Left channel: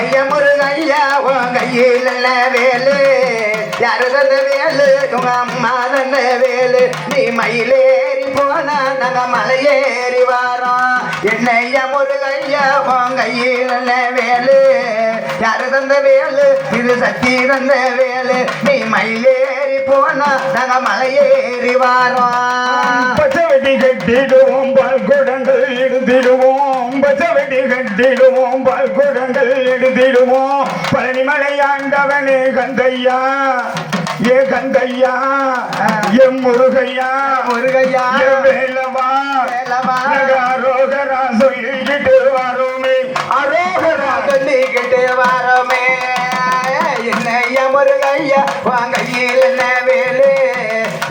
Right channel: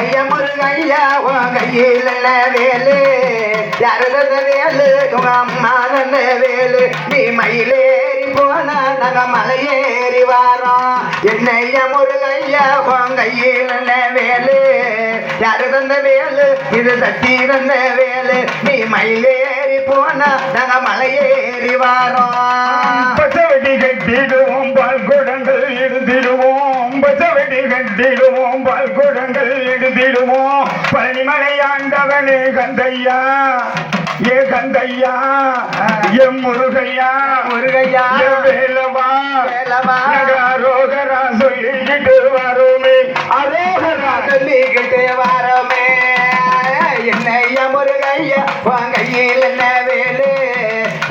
என்னைய முருகையா உன் கையில் என்ன வேலு யாரு தந்த வேலு உங்க அம்மா தந்த வேலு நீ மயிலேறி போனா நாங்க மலையேறி வாரோம் என்னைய முருகையா உன் கையில் என்ன வேலு யாரு தந்த வேலு இது சக்தி தந்த வேலு நீ மயிலேறி போனா நாங்க மலையேறி வாரோம் பச்சவெடி கட்டிடுவோம் பால் குடங்கள் எடுத்திடுவோம் பச்சவெடி கட்டிடுவோம் பால் குடங்கள் எடுத்திடுவோம் பழனிமலை ஆண்டவனே கந்தையா ஏ கந்தையா எம் முருகையா முருகையா வேலவா அரோகரா சொல்லிக்கிட்டு வரோமே அரோகரா சொல்லிக்கிட்டு வரோமே என்னையா முருகையா உன் கையில் என்ன வேலு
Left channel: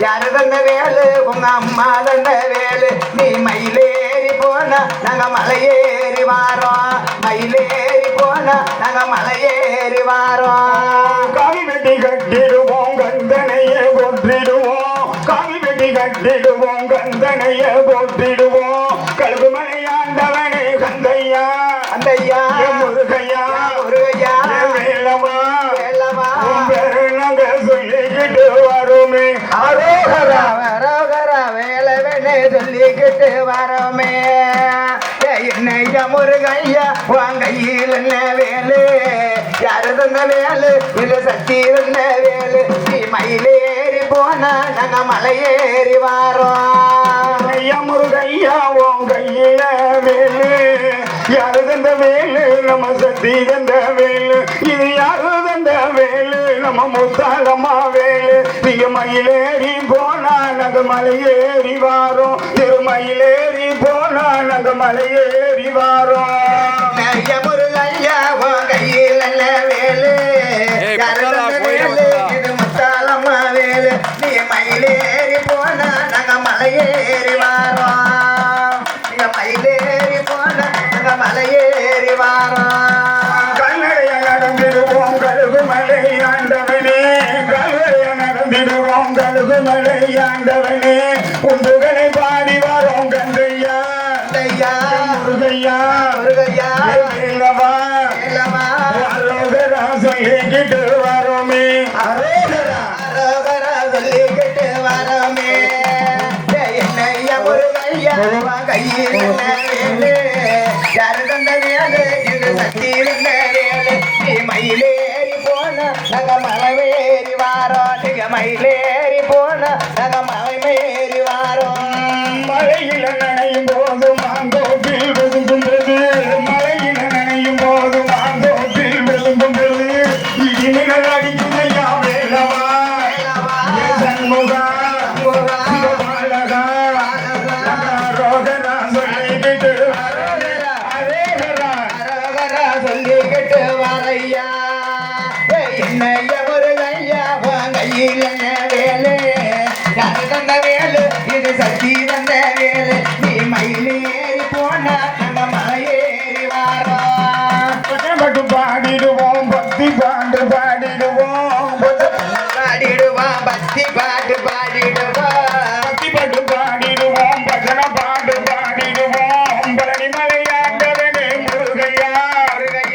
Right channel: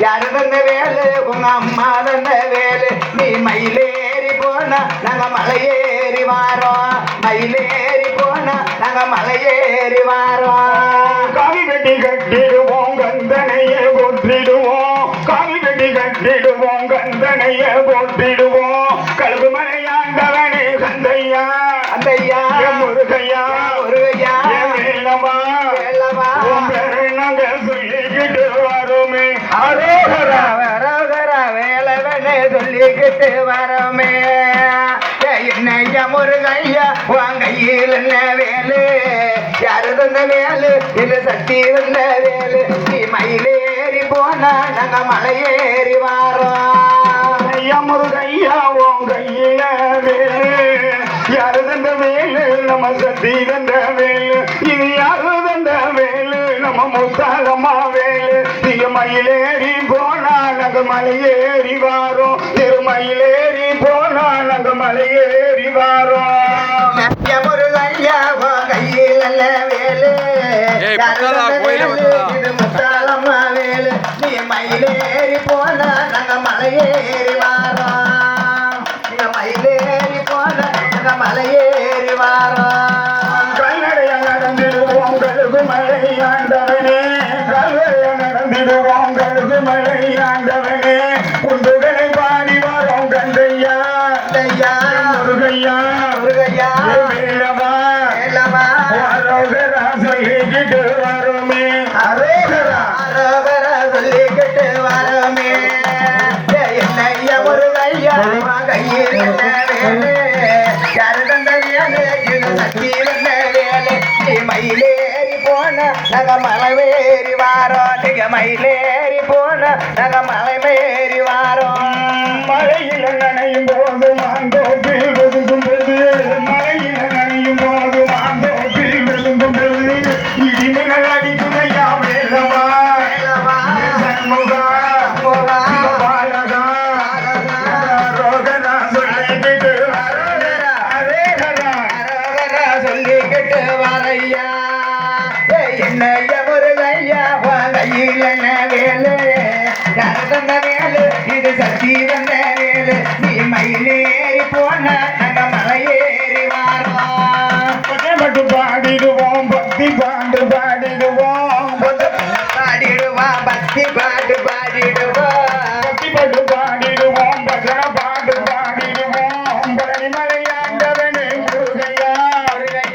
யாரு தந்த வேலு உங்க அம்மா தந்த வேலு நீ மயிலேறி போனா நாங்க மலையேறி வாரோம் மயிலேறி போனா நாங்க மலையேறி வாரோம் காவி வெட்டி கட்டிடுவோம் கந்தனையே போற்றிடுவோம் காவி வெட்டி கட்டிடுவோம் கந்தனையே போற்றிடுவோம் கழுகு மலையாண்டவனே கந்தையா அந்தையா முருகையா முருகையா வேலவா வேலவா நாங்கள் சொல்லிக்கிட்டு வரோமே அரோகரா அரோகரா வேலவனே சொல்லிக்கிட்டு வரோமே என்னையா முருகையா உன் கையில் என்ன வேலு யாரு தந்த வேலு இது சக்தி தந்த வேலு நீ மயிலேறி போனா நாங்க மலையேறி வாரோம் ஐயா முருகையா உன் கையில வேலு யாரு தந்த வேலு நம்ம சக்தி தந்த வேலு இது யாரு தந்த வேலு நம்ம முத்தாளம்மா வேலு நீங்க மயிலேறி போனா நாங்க மலையேறி வாரோம் திருமயிலேறி போனா நாங்க மலையேறி வாரோம் முருகையா உன் கையில் என்ன வேலு இது முத்தாளம்மா வேலு நீ மயிலேறி போனா நாங்க மலையேறி வாரோம் நீ மயிலேறி போனா நாங்க மலையேறி வாரோம் கல்லறைய நடந்திடுவோம் கழுகு மலை ஆண்டவனே கல்லறைய நடந்திடுவோம் கழுகு மலை ஆண்டவனே குண்டுகளை பாடி வரோம் கந்தையா ஐயா முருகையா முருகையா வேலவா வேலவா அரோகரா சொல்லிக்கிட்டு வரோமே அரோகரா அரோகரா சொல்லிக்கிட்டு வரோமே என்னையா முருகையா கையில் என்ன வேலு யாரு தந்த வேலு இது சக்தி தந்த வேலு நீ மயிலேறி போன நாங்க மலையேறி வாரோம் நீங்க மயிலேறி போன நாங்க மலையேறி வாரோம் மழையில நனையும் போது மாந்தோப்பில் விழுங்கும்போது மழையில நனையும் போது மாந்தோப்பில் விழுங்கும்போது இடிமின்னல் அடிக்குதையா வேலவா சண்முகா பாலகா ரோகனா சொல்லிக்கிட்டு சொல்லிக்கிட்டு வரையா என்னைய முருகையா உன் கையில் என்ன வேலு யாரு தந்த வேலு இது சக்தி தந்த வேலு நீ மயிலேறி போனா நாங்க மலையேறி வாரோம் மட்டும் பாடிடுவோம் பக்தி பாண்டு பாடிடுவோம் பாடிடுவான் பக்தி